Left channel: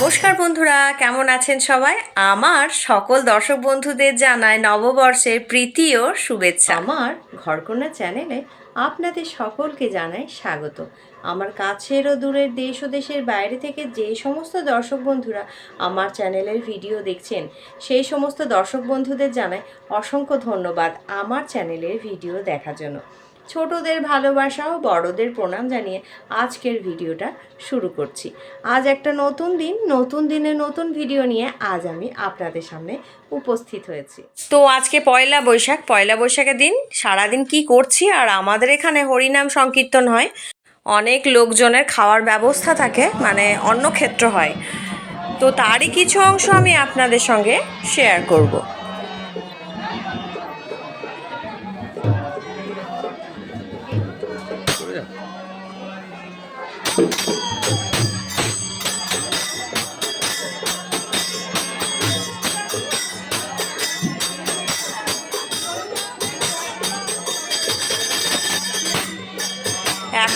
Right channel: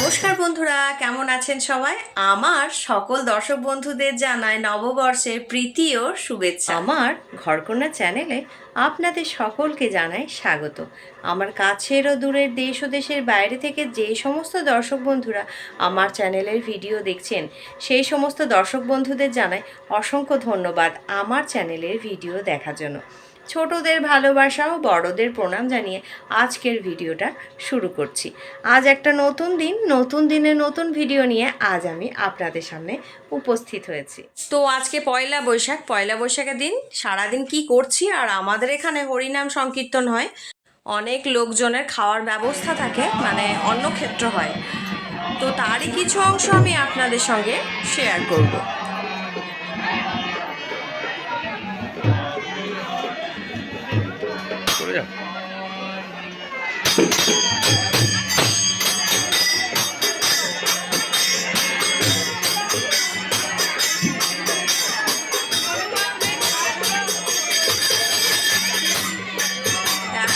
নমস্কার বন্ধুরা, কেমন আছেন সবাই? আমার সকল দর্শক বন্ধুদের জানায় নববর্ষের প্রীতি ও শুভেচ্ছা। আমার ঘরকন্যা চ্যানেলে আপনাদের সকলকে জানাই স্বাগত। আমার কাছের ও দূরের দেশ ও দেশের বাইরে থেকে যে সমস্ত দর্শক বন্ধুরা আমার চ্যানেলের ভিডিও দেখছেন, সেই সমস্ত দর্শক বন্ধুদের জানাই অসংখ্য ধন্যবাদ আমার চ্যানেলের ভিডিও দেখার জন্য। ছোটদের ভালোবাসা ও বড়দের প্রণাম জানিয়ে আজকের ভিডিওটা শুরু করছি। আজ একটা নতুন দিন, নতুন দিনে নতুন ভিডিও নিয়ে আজ আমি আপনাদের সামনে উপস্থিত হয়েছি। তো আজকে পয়লা বৈশাখ, পয়লা বৈশাখের দিন সারাদিন কি করছি আর আমাদের এখানে হরিনাম সংকীর্তন হয়। অনেক লোকজনের খাওয়ার ব্যবস্থা থাকে মানে অন্য ক্ষেত্র হয়। তো তারই কিছু অংশ আমি আপনাদের সঙ্গে শেয়ার করব।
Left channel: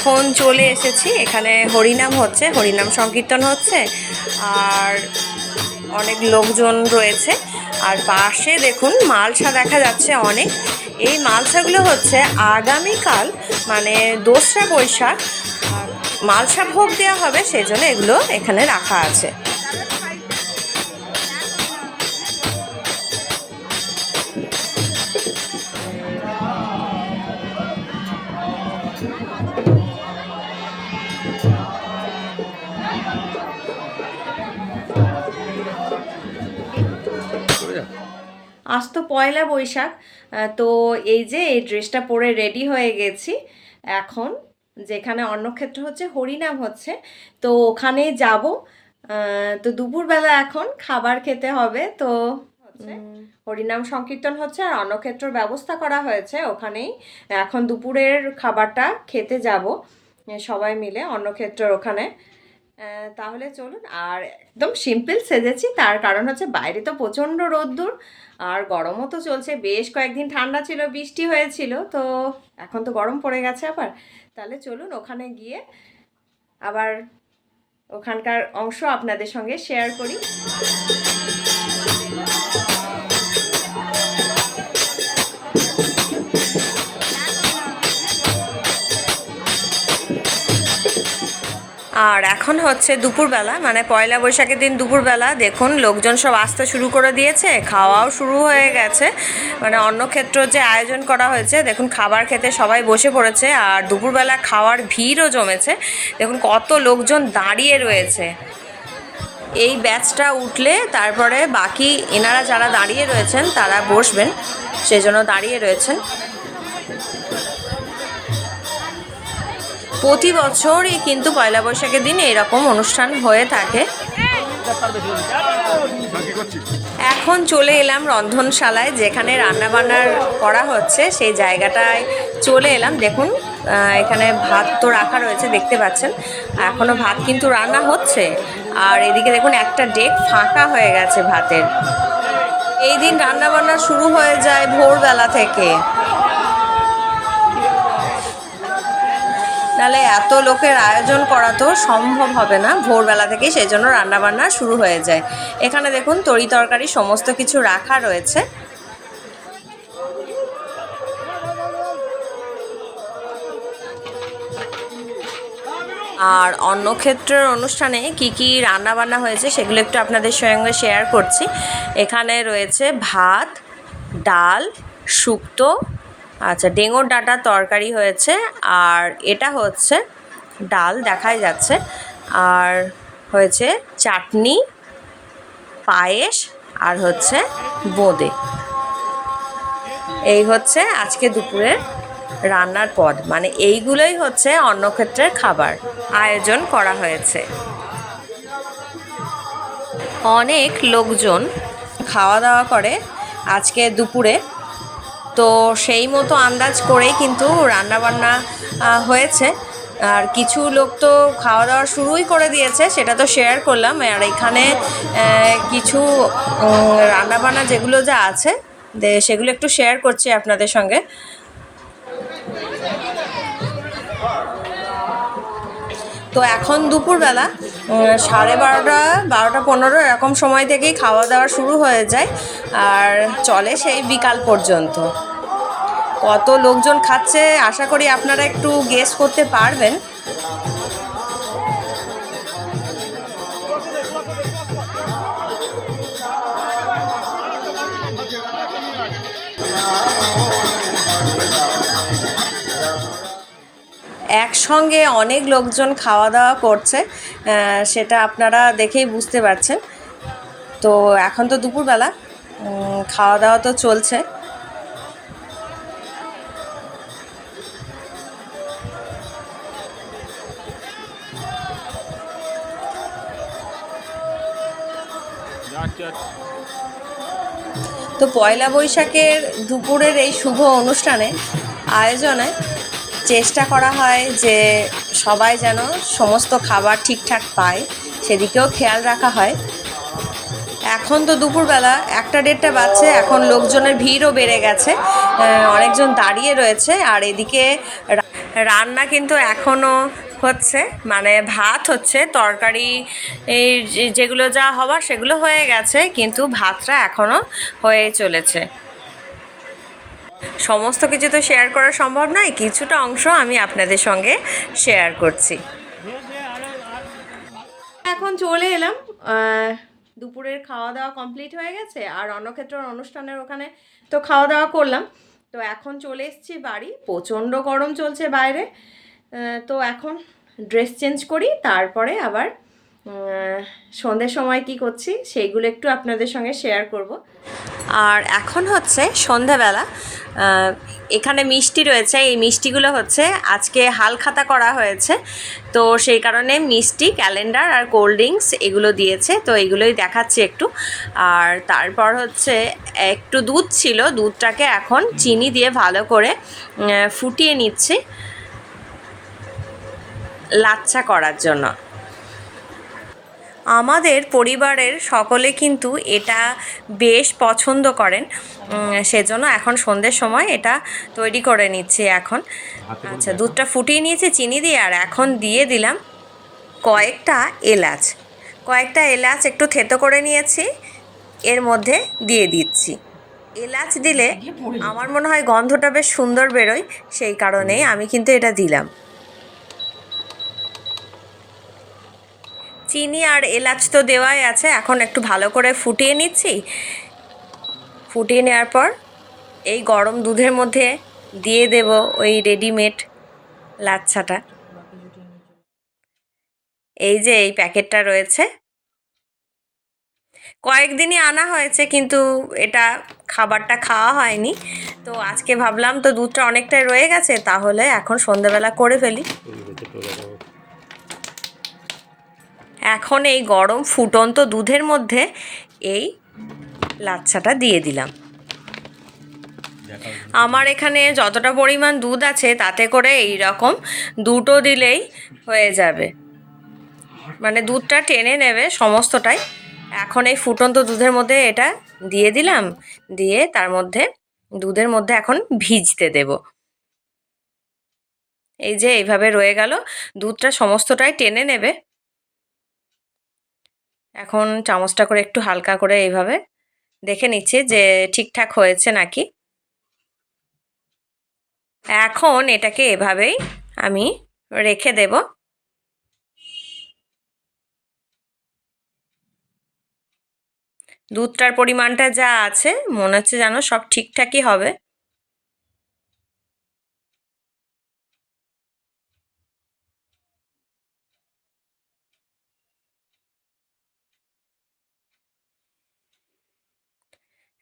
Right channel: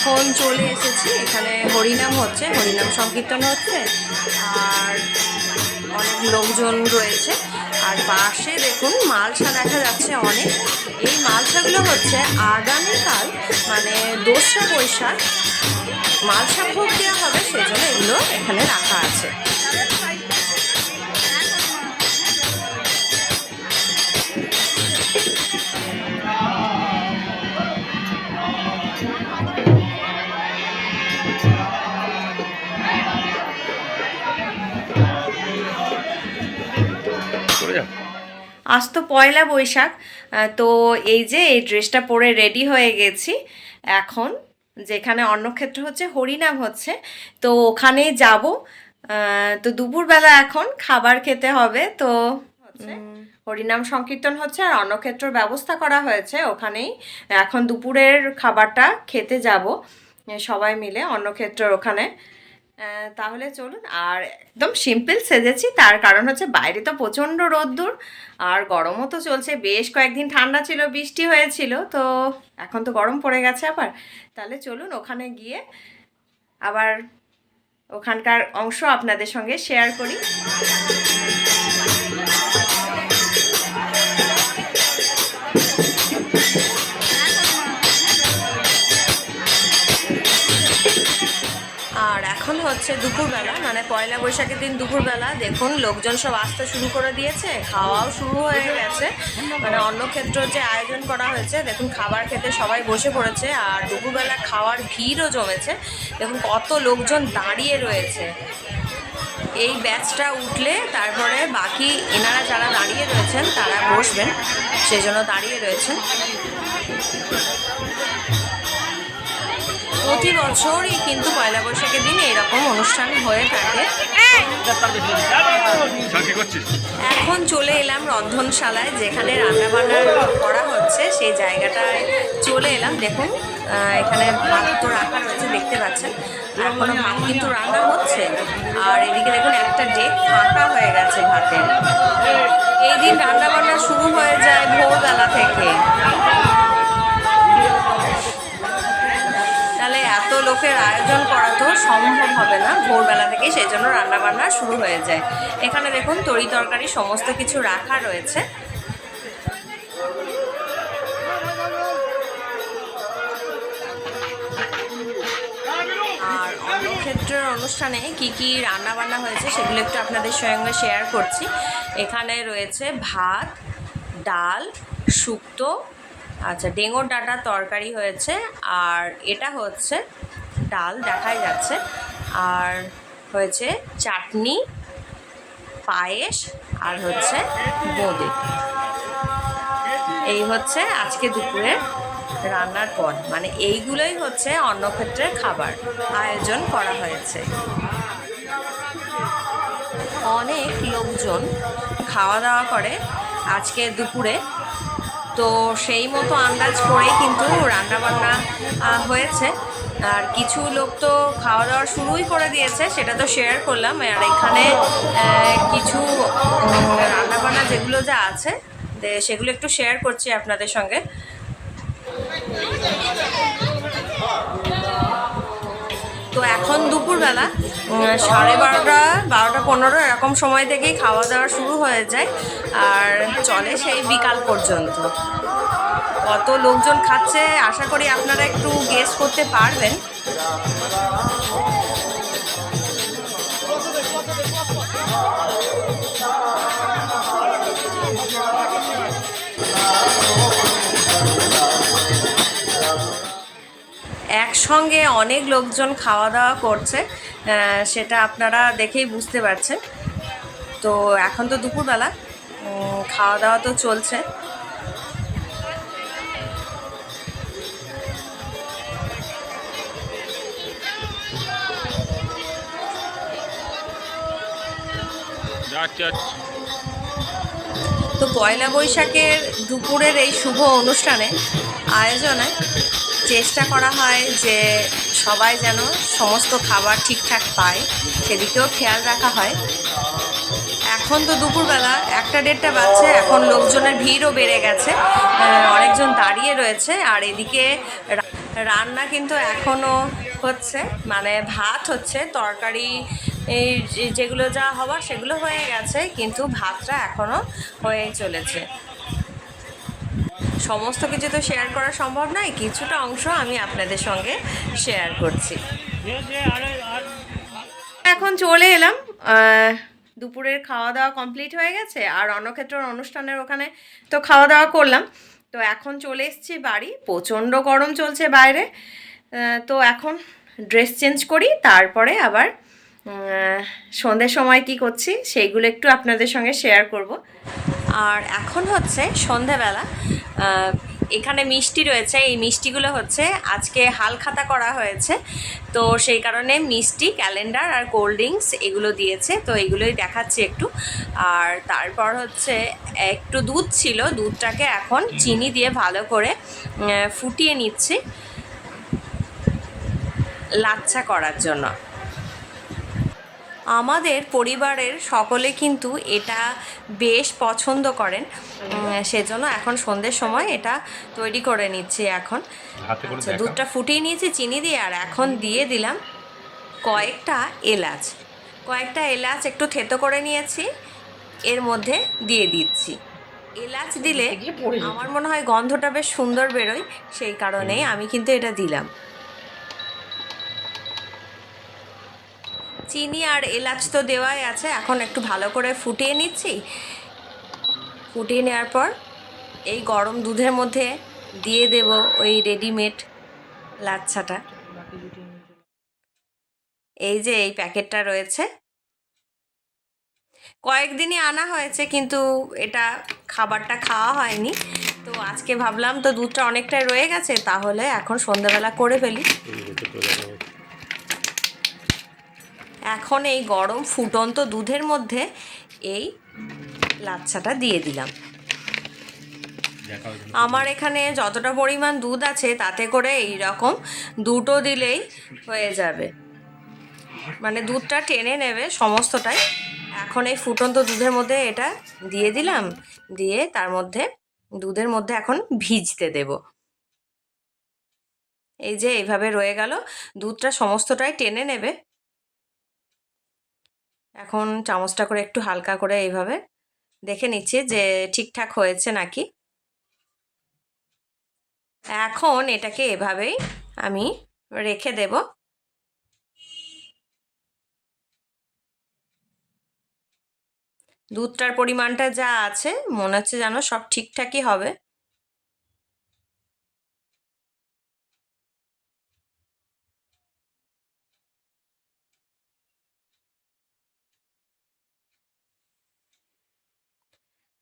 এখন চলে এসেছি। এখানে হরিনাম হচ্ছে, হরিনাম সংকীর্তন হচ্ছে, আর অনেক লোকজন রয়েছে। আর পাশে দেখুন মালসা দেখা যাচ্ছে অনেক। এই মালসাগুলো হচ্ছে আগামীকাল মানে দোসরা বৈশাখ মালসা ভোগ দেওয়া হবে, সেজন্য এগুলো এখানে রাখা আছে। আজ তো পয়লা বৈশাখ তো এই যে এই ড্রেসটা পরে রেডি হয়ে গেছি। এখন যেখানে অন্নক্ষেত্র হচ্ছে হরিনাম হচ্ছে তো ওখানে যাব। তো দুপুরবেলা এখন খাবার খেতে হবে তো হরিনাম সংকীর্তন হচ্ছে আর অন্নক্ষেত্রর ব্যবস্থা করা হয়েছে ওখানেই। এখন দুপুরের খাবারটা খেতে যাব সবাই মিলে অন্নক্ষেত্রর ওখানে। তাহলে চলুন আর একদম সিম্পল সেজেছি তার কারণ হচ্ছে বাইরে তো প্রচণ্ড রোদ্দুর আর গরমও তো চলছে, বেশ কয়েকদিন ঠান্ডা ছিল, বৃষ্টি হয়েছিল, তো এখন তো গরম পড়ে গেছে আবার। তাহলে চলুন ওখানে গিয়ে আবার ওখানকার অংশ আপনাদের সঙ্গে শেয়ার করি। আর এখন হচ্ছে দুপুরবেলা মানে পয়লা বৈশাখের দিন দুপুরবেলা, দেখুন, লোকজন সব আসতে শুরু করে দিয়েছে, খাওয়াও শুরু হয়ে গেছে। মানে অন্নক্ষেত্র যে আয়োজন করা হয়েছে, দেখুন, খাবার খেতে সবাই বসে পড়েছে, আর দুপুরবেলা খাওয়ার ভিড়ও জমেছে। দেখুন, কত লোকজন দাঁড়িয়ে রয়েছে। এই ব্যাচটা উঠলে, তারপরে বাকি এনারা যারা দাঁড়িয়ে রয়েছেন, তারা বসবেন, সেই জন্য দাঁড়িয়ে রয়েছেন। প্রতি বছরই কিন্তু পয়লা বৈশাখের দিন এরকম অনুষ্ঠান হয়ে থাকে। এখন চলে এলাম রন্ধনশালায় যেখানে রান্নাবান্নার করা হচ্ছে। সেই জায়গাটায় চলে এলাম। দেখুন এখানে ভাত তো রাখা রয়েছে দেখতে পাচ্ছেন। এখনও ভাত কিন্তু রান্না হচ্ছে। আর এদিকে দেখুন একটা ডেক ফাঁকা হয়ে গেছে ভাতের। এই দিন রান্নাবান্না শুরু হয়ে যায় ভোরবেলা থেকে। এত লোকের আয়োজন করা তো সম্ভব হবে না। ভোরবেলা থেকেই সেই জন্য রান্নাবান্না শুরু হয়ে যায়। এখানে দেখুন, তরি তরকারি সমস্ত কিছু রাখা রয়েছে। আর অন্য ক্ষেত্রের অনুষ্ঠানে কি কি রান্না বান্না হয়েছে সেগুলো একটু আপনাদের সঙ্গে শেয়ার করছি। এখানে রয়েছে ভাত, ডাল, শুক্তো আচ্ছা ডেঙোর ডাঁটার তরকারি হয়েছে আর এটা হচ্ছে ডাল, দেখাই যাচ্ছে। আর হয়েছে চাটনি, পায়েস আর হচ্ছে বোঁদে। এই হচ্ছে আজকে দুপুরের রান্নার পদ। মানে এইগুলোই হচ্ছে অন্নক্ষেত্রের খাবার আয়োজন করা হয়েছে। অনেক লোকজন খাওয়া দাওয়া করে আজকে দুপুরে তো সেই মতো আন্দাজ করেই কিন্তু রান্নাবান্না হয়েছে। আর কিছু লোক তো খাওয়া দাওয়া শুরুই করে দিয়েছে, সেটা তো শেয়ার করলাম। আর এখানে কিছু রান্নাবান্না যেগুলো যা আছে সেগুলো একটু শেয়ার করছি আপনাদের সঙ্গে। তো এখন দুপুরবেলা সাড়ে বারোটা বারোটা পনেরো, এরকম সময় থেকেই খাওয়া দাওয়া শুরু হয়ে যায়। আর চলে সেই বিকাল পর্যন্ত। কত লোকজন খাচ্ছে, আশা করি আপনারা একটু গেস করতে পারবেন। একসঙ্গে অনেক লোকজন খাওয়া দাওয়া করছে। সেটা আপনারা দেখেই বুঝতে পারছেন। তো এখন তো দুপুরবেলা খাওয়া দাওয়া তো চলছে। তো পয়লা বৈশাখের দুপুরের এই শুভ অনুষ্ঠানে আয়োজনে চেষ্টা করা হয় যে সবাই যেন সমস্ত খাবার ঠিকঠাক পায়, সেদিকেও খেয়াল রাখা হয়। এখন তো দুপুরবেলা, একটা দেড়টা বাজছে, এখন লোকজনের ভিড়ও বেড়ে গেছে অনেকজন দাঁড়িয়ে রয়েছে, আর এদিকে রান্না কিন্তু এখনও হচ্ছে মানে ভাত হচ্ছে, তরকারি যেগুলো যা হবার সেগুলো হয়ে গেছে, কিন্তু ভাতটা এখনও হয়ে চলেছে। সমস্ত কিছু তো শেয়ার করা সম্ভব নয়, কিছুটা অংশ আমি আপনাদের সঙ্গে শেয়ার করছি। এখন চলে এলাম দুপুরের খাওয়া দাওয়া কমপ্লিট হয়ে গেছে, আর রণক্ষেত্রের অনুষ্ঠানের ওখানে তো খাওয়া দাওয়া করলাম। তো এখন চলে এসেছি বাড়ি, প্রচণ্ড গরম চলছে বাইরে। তো এখন ড্রেস চেঞ্জ করি, তারপরে আবার সন্ধ্যের সময় কি করছি, সেইগুলো একটু আপনাদের সঙ্গে শেয়ার করব। আর এখন হচ্ছে সন্ধেবেলা। এখানে মিষ্টি রয়েছে, এই মিষ্টিগুলো হচ্ছে আজকে হালখাতা করা হয়েছে। তো সেই কারণে মিষ্টি, ক্যালেন্ডার আর কোল্ড ড্রিঙ্কস এগুলো দিয়েছে, তো এগুলোই দেখাচ্ছি একটু। আর তারপর হচ্ছে একটু দুধ ছিল, দুধটাকে এখন চিনি দিয়ে ভালো করে ফুটিয়ে নিচ্ছি। লাচ্ছা করার জন্য। আমাদের পরিবারের সকলে কিন্তু এটা বেশ পছন্দ করেন। সেজন্য এখন সন্ধ্যের সময় এটা তৈরি করে নিচ্ছি এখন। আচ্ছা দুধটা ফুটিয়ে নিয়েছি চিনি দিয়ে আর এখন দিয়ে দিলাম কয়েকটা এলাচ। কয়েকটা এলাচ একটু থেতো করে নিয়েছি এর মধ্যে দিয়ে দিচ্ছি। এলাচ দিলে আমার মনে হয় গন্ধটা বেশ সুন্দর বেরোয় সেই কারণেই আমি কিন্তু এটা দিলাম। চিনি আর এলাচ তো দেওয়াই আছে, এখন একটু ভালো করে ফুটিয়ে নিচ্ছি। ফুটিয়ে নেওয়ার পর এই গরম দুধের মধ্যে দিয়ে দেব ওই রেডিমেড লাচ্ছাটা। এই যে এই প্যাকেটটা রয়েছে। কয়েকদিনই আনা হয়েছে, কিন্তু এটা খাবারটা খাওয়া হয়নি। তো আজকে ভাবলাম তো দুধটা অনেকটাই রয়ে গেছে, তাহলে এখন সন্ধ্যাবেলা করে ফেলি। এখন এই গরম ফুটন্ত দুধের মধ্যে এই লাচ্ছাটা দিয়ে দিলাম। আমার এখানে যতটা পরিমাণ দুধ আছে তাতে করে এই রকম দুটো দিলেই হয়ে যাবে। মানে দুধটা টেনে নেবে সমস্তটাই। এখন এই ফুটন্ত দুধের মধ্যে এটা দিয়ে দিলাম। দিয়ে তার মধ্যে দুধের মধ্যে এখন ভিজতে দেব। এই যে এইভাবে রয়ে গেল। দুধটা সমস্তটাই টেনে নেবে। এখন চামচটা করে একটু হালকা করে এইভাবে দেখে নিচ্ছি যে ঠিকঠাক হয়েছে নাকি। এখন এটাকে এভাবেই আমি রেখে দেব। দুধটার পরিমাণটা যা আছে, মনে হচ্ছে যেন সব ঠিকঠাকই হবে।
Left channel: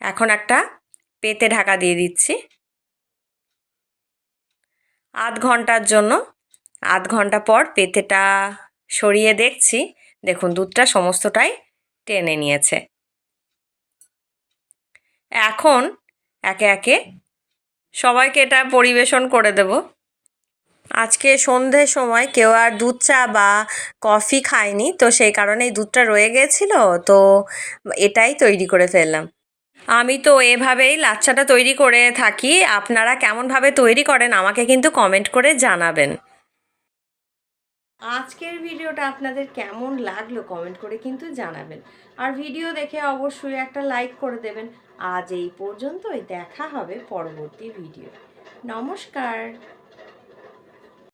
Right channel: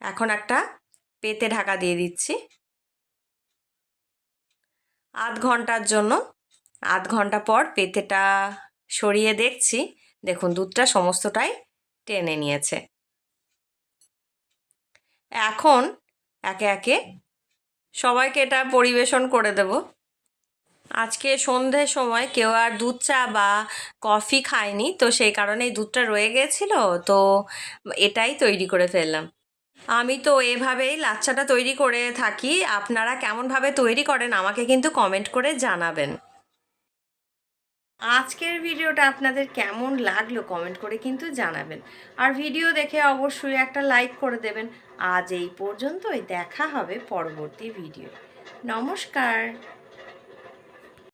এখন একটা পেতে ঢাকা দিয়ে দিচ্ছি। আধ ঘণ্টার জন্য, আধ ঘণ্টা পর পেতেটা সরিয়ে দেখছি। দেখুন, দুধটা সমস্তটাই টেনে নিয়েছে। এখন একে একে সবাইকে এটা পরিবেশন করে দেব। আজকে সন্ধ্যের সময় কেউ আর দুধ চা বা কফি খায়নি, তো সেই কারণে এই দুধটা রয়ে গেছিল, তো এটাই তৈরি করে ফেললাম। আমি তো এভাবেই লাচ্ছাটা তৈরি করে থাকি। আপনারা কেমনভাবে তৈরি করেন আমাকে কিন্তু কমেন্ট করে জানাবেন। আজকের ভিডিওটা আপনাদের কেমন লাগল কমেন্ট করে কিন্তু জানাবেন। আর ভিডিও দেখে অবশ্যই একটা লাইক করে দেবেন। আজ এই পর্যন্তই, দেখা হবে পরবর্তী ভিডিও নমস্কার।